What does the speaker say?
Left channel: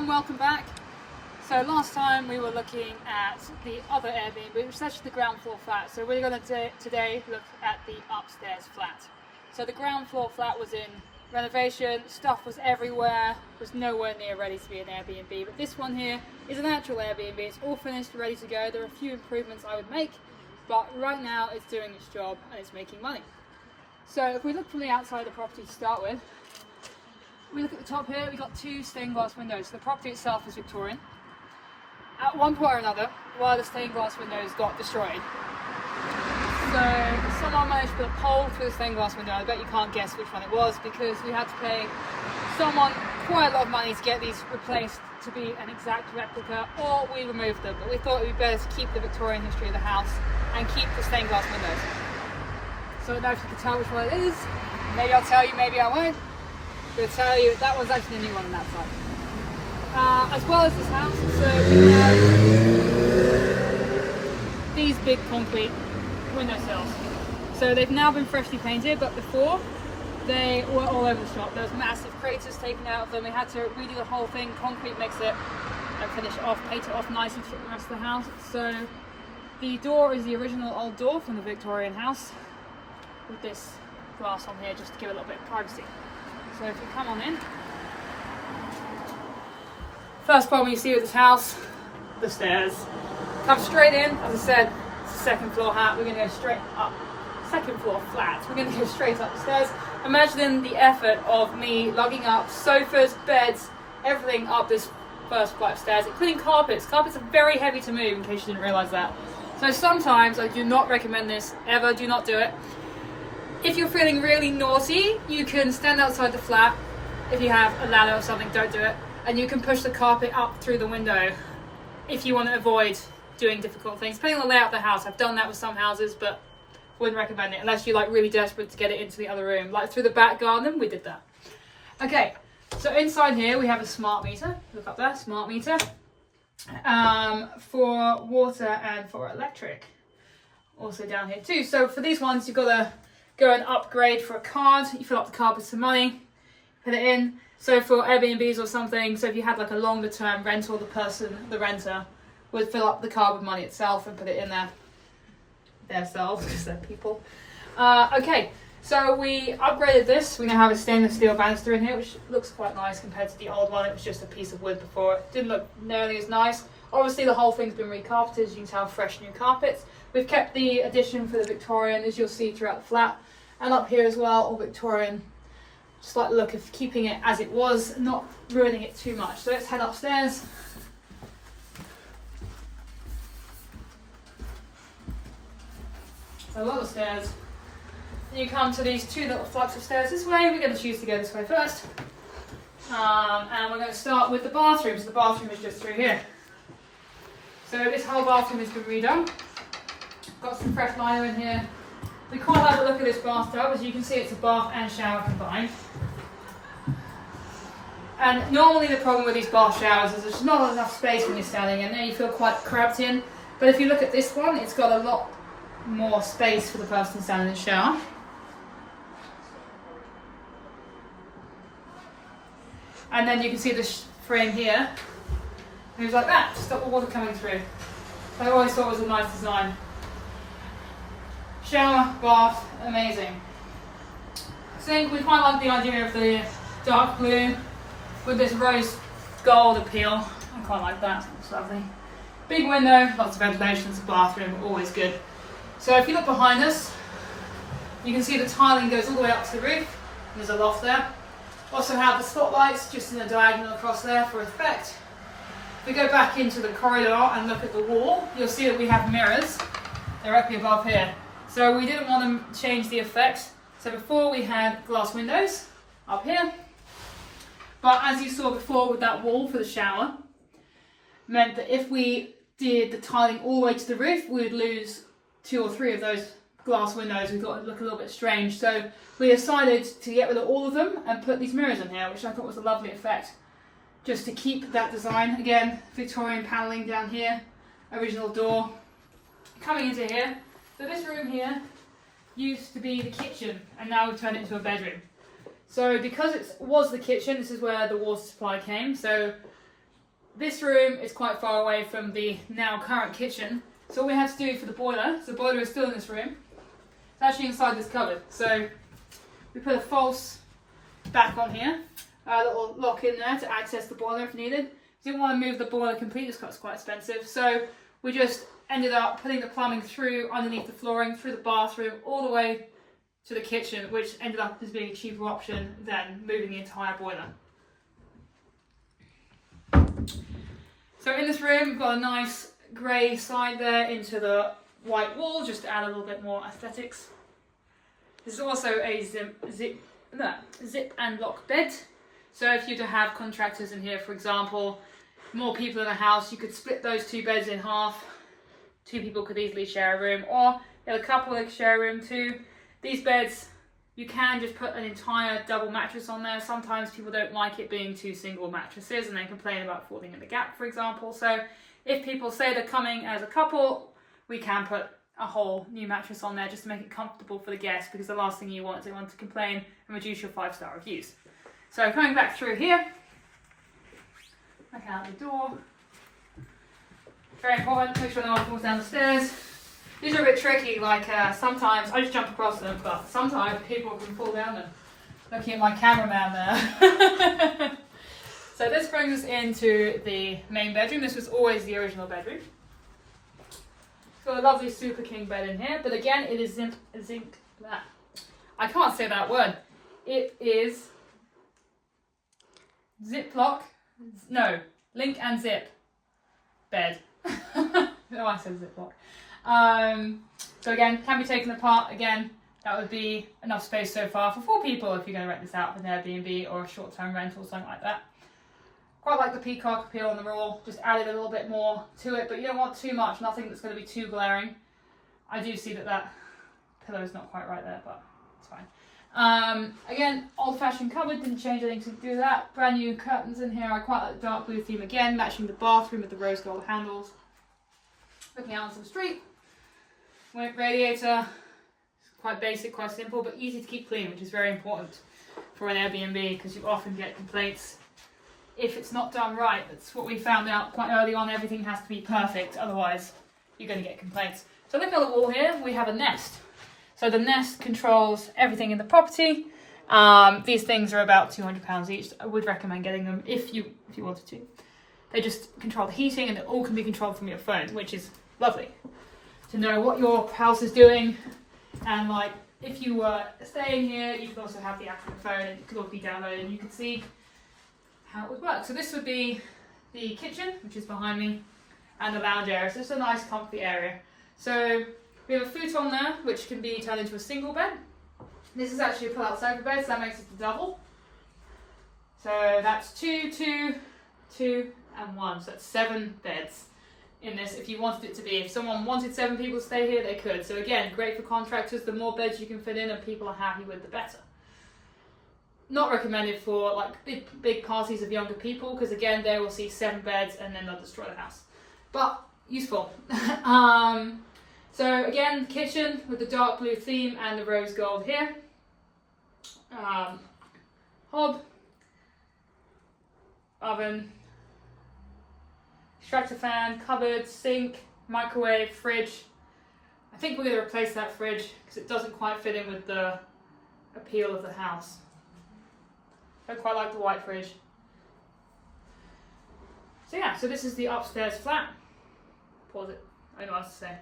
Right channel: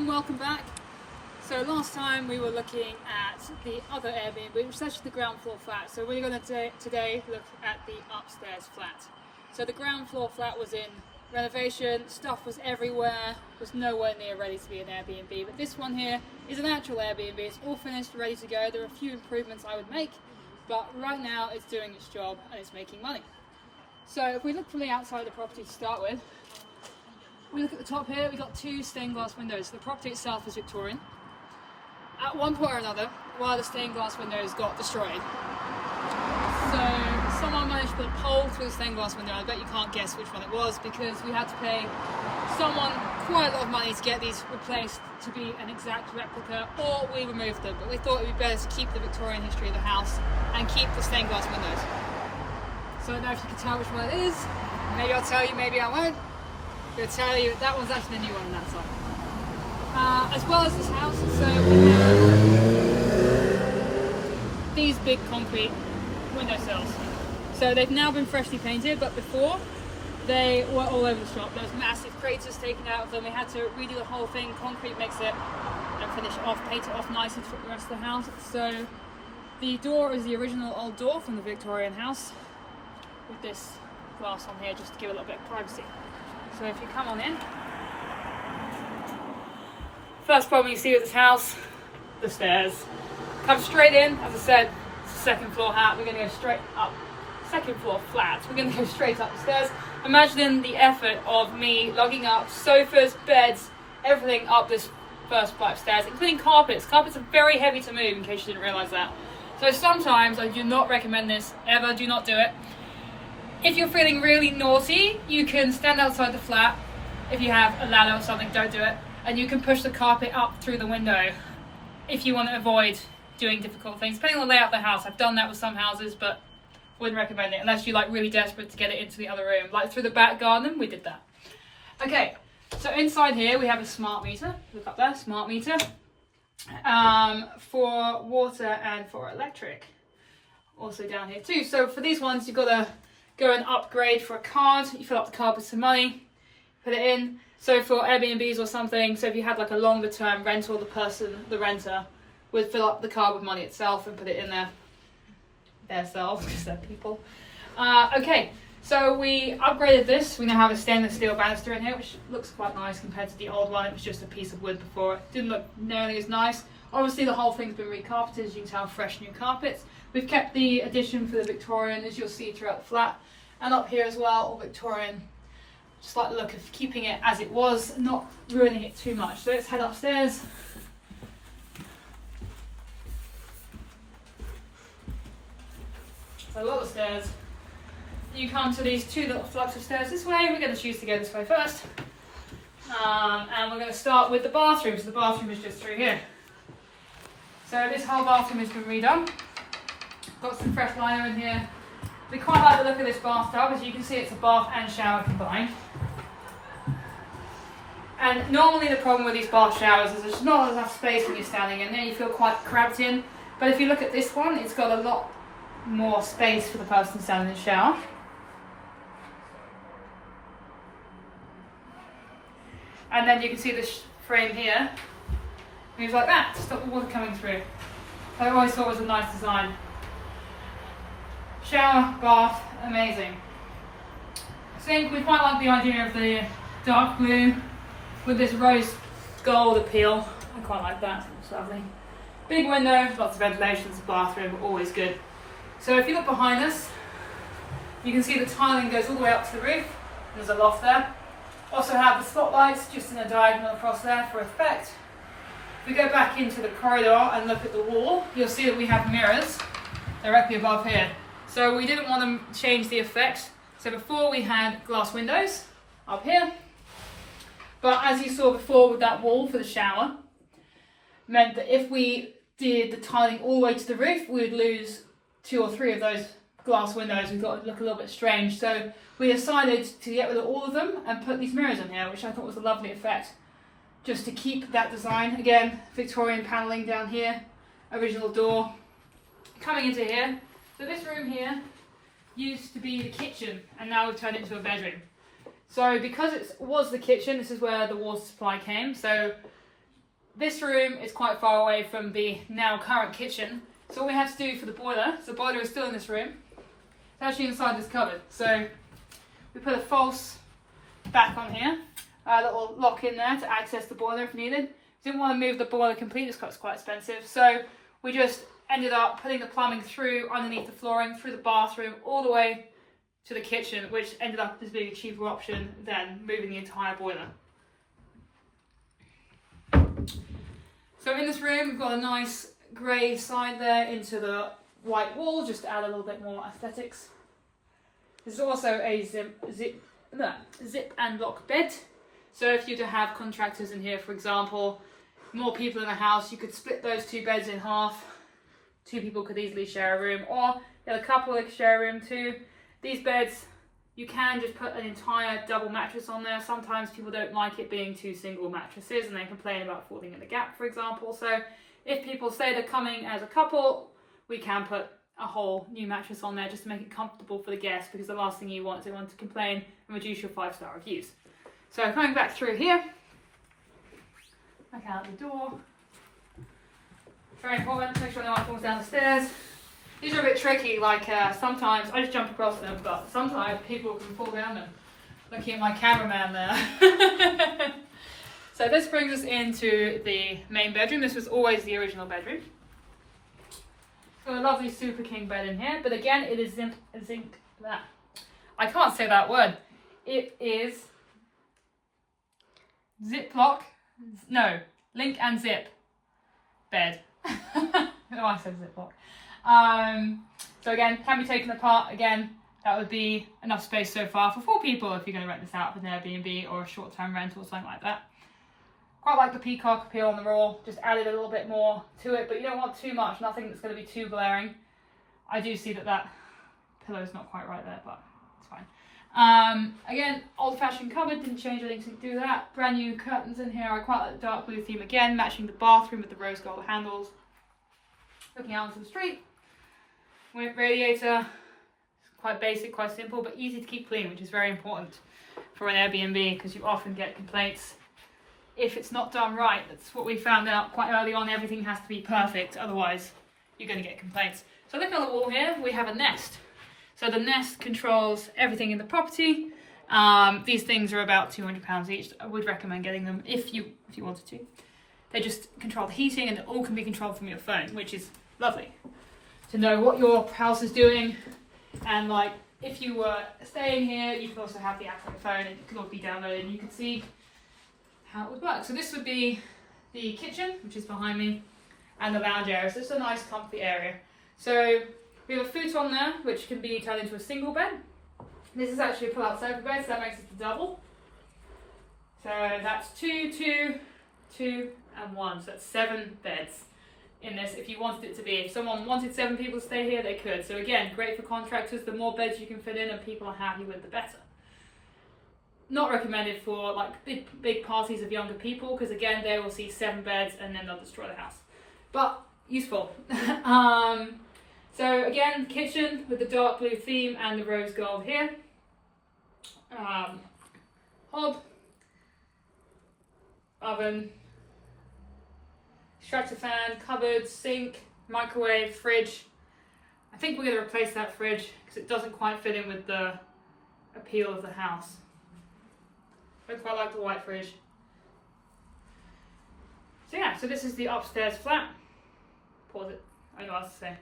everyone, welcome back. So last time we were looking at the other Airbnb, which is actually the ground floor flat. So we're going to today look at the upstairs flat. So the ground floor flat was in renovation, stuff was everywhere, was nowhere near ready to be an Airbnb. But this one here is an actual Airbnb, it's all finished, ready to go. There are a few improvements I would make, but right now it's doing its job and it's making money. So if we look from the outside of the property to start with, we look at the top here, we've got two stained glass windows. So the property itself is Victorian. At one point or another, one of the stained glass windows got destroyed. So someone managed to put a pole through the stained glass window. I bet you can't guess which one it was because we had to pay someone quite a lot of money to get these replaced to be an exact replica, or we removed them. But we thought it would be better to keep the Victorian history of the house and keep the stained glass windows. So I don't know if you can tell which one it is. Maybe I'll tell you, maybe I won't. To tell you that one's actually the new one on that side. As well as this house, so we have these big concrete windowsills. So they've now been freshly painted, but before they were all over the shop. There was massive craters taken out of them. We had to redo the whole thing, concrete mix it, and finish it off, paint it off nicely to fit the rest of the house. So the door is the original old door from the Victorian house with this glass on here just to give a little bit of privacy. So if you come on in, first problem you see with this house, the stairs. Come straight in, as I said, it's a second floor hat, we're going to go straight up, second floor flat, we're going to go straight up the stairs. Imagine the effort of me lugging up sofas, beds, everything up this first flight of stairs, including carpets. Carpets are very heavy to move, in case you didn't realise that. So sometimes I do not recommend this, ever, do not do it. If you're feeling really naughty, you can stand outside the flat. If you have a ladder or something, don't do it. And you can push the carpet up through the window if you want to avoid doing difficult things. Depending on the layout of the house, I've done that with some houses, but wouldn't recommend it unless you're like really desperate to get it into the other room. Like through the back garden, we did that. Okay, so inside here we have a smart meter. Look up there, smart meter. For water and for electric. Also down here too. So for these ones, you've got to go and upgrade for a card. You fill up the card with some money, put it in. So for Airbnbs or something, so if you had like a longer term rental, the renter would fill up the card with money itself and put it in their selves, because they're people. Okay, so we upgraded this. We now have a stainless steel banister in here, which looks quite nice compared to the old one. It was just a piece of wood before. It didn't look nearly as nice. Obviously the whole thing's been recarpeted, as you can tell, fresh new carpets. We've kept the addition for the Victorian, as you'll see throughout the flat. And up here as well, all Victorian. Just like the look of keeping it as it was, not ruining it too much. So let's head upstairs. So a lot of stairs. You come to these two little flights of stairs this way. We're going to choose to go this way first. And we're going to start with the bathroom. So the bathroom is just through here. So this whole bathroom has been redone. Got some fresh lino in here. We quite like the look of this bathtub. As you can see, it's a bath and shower combined. And normally the problem with these bath showers is there's not enough space when you're standing in there. You feel quite cramped in. But if you look at this one, it's got a lot more space for the person standing in the shower. And then you can see the frame here. Moves like that to stop the water coming through. So I always thought it was a nice design. Shower, bath, amazing. I think we quite like the idea of the dark blue with this rose gold appeal. I quite like that, it's lovely. Big window, lots of ventilation, it's a bathroom, always good. So if you look behind us, you can see the tiling goes all the way up to the roof. There's a loft there. Also have the spotlights just in a diagonal across there for effect. If we go back into the corridor and look at the wall, you'll see that we have mirrors directly above here. So we didn't want to change the effect. So before we had glass windows up here. But as you saw before with that wall for the shower, meant that if we did the tiling all the way to the roof, we would lose 2 or 3 of those glass windows. We thought it would look a little bit strange. So we decided to get rid of all of them and put these mirrors in here, which I thought was a lovely effect. Just to keep that design. Again, Victorian panelling down here, original door. Coming into here. So this room here used to be the kitchen and now we've turned it into a bedroom. So because it was the kitchen, this is where the water supply came. So this room is quite far away from the now current kitchen. So all we have to do for the boiler, so the boiler is still in this room. It's actually inside this cupboard. So we put a false back on here, a little lock in there to access the boiler if needed. Didn't want to move the boiler completely because it's quite expensive. So we just ended up putting the plumbing through underneath the flooring, through the bathroom, all the way to the kitchen, which ended up as being a cheaper option than moving the entire boiler. So in this room, we've got a nice grey side there into the white wall, just to add a little bit more aesthetics. This is also a zip and lock bed. So if you're to have contractors in here, for example, more people in the house, you could split those two beds in half. Two people could easily share a room, or a couple that could share a room too. These beds, you can just put an entire double mattress on there. Sometimes people don't like it being two single mattresses and they complain about falling in the gap, for example. So if people say they're coming as a couple, we can put a whole new mattress on there just to make it comfortable for the guests, because the last thing you want is anyone to complain and reduce your 5-star reviews. So coming back through here, back out the door. Very important, make sure no one falls down the stairs. These are a bit tricky, like sometimes I just jump across them, but sometimes people can fall down them. Looking at my cameraman there. So this brings us into the main bedroom. This was always the original bedroom. It's got a lovely super king bed in here, but again, it is I can't say that word. It is link and zip bed. No, I said ziplock. So again, can be taken apart. Again, that would be enough space so far for 4 people if you're going to rent this out with an Airbnb or a short-term rental or something like that. Quite like the peacock appeal on the wall, just added a little bit more to it, but you don't want too much, nothing that's going to be too glaring. I do see that pillow's not quite right there, but it's fine. Again, old-fashioned cupboard, didn't change anything to do that. Brand new curtains in here. I quite like the dark blue theme again, matching the bathroom with the rose gold handles. Looking out onto the street. Radiator, quite basic, quite simple, but easy to keep clean, which is very important for an Airbnb, because you often get complaints if it's not done right. That's what we found out quite early on. Everything has to be perfect, otherwise you're going to get complaints. So look at the wall here, we have a Nest. So the Nest controls everything in the property. These things are about £200 each. I would recommend getting them if you wanted to. They just control the heating, and it all can be controlled from your phone, which is lovely to know what your house is doing. And like, if you were staying here, you could also have the app on the phone, and it could all be downloaded, and you could see how it would work. So this would be the kitchen, which is behind me, and the lounge area. So it's a nice comfy area. So we have a futon there, which can be turned into a single bed. This is actually a pull-out sofa bed, so that makes it a double. So that's 2, 2, 2, and 1. So that's 7 beds in this if you wanted it to be. If someone wanted 7 people to stay here, they could. So again, great for contractors. The more beds you can fit in and people are happy with, the better. Not recommended for like big parties of younger people, because again, they will see 7 beds and then they'll destroy the house. But useful. So again, kitchen with the dark blue theme and the rose gold here. Hob, oven, extractor fan, cupboard, sink, microwave, fridge. I think we're going to replace that fridge because it doesn't quite fit in with the appeal of the house. I quite like the white fridge. So yeah, so this is the upstairs flat. Pause it, I don't know what else to say.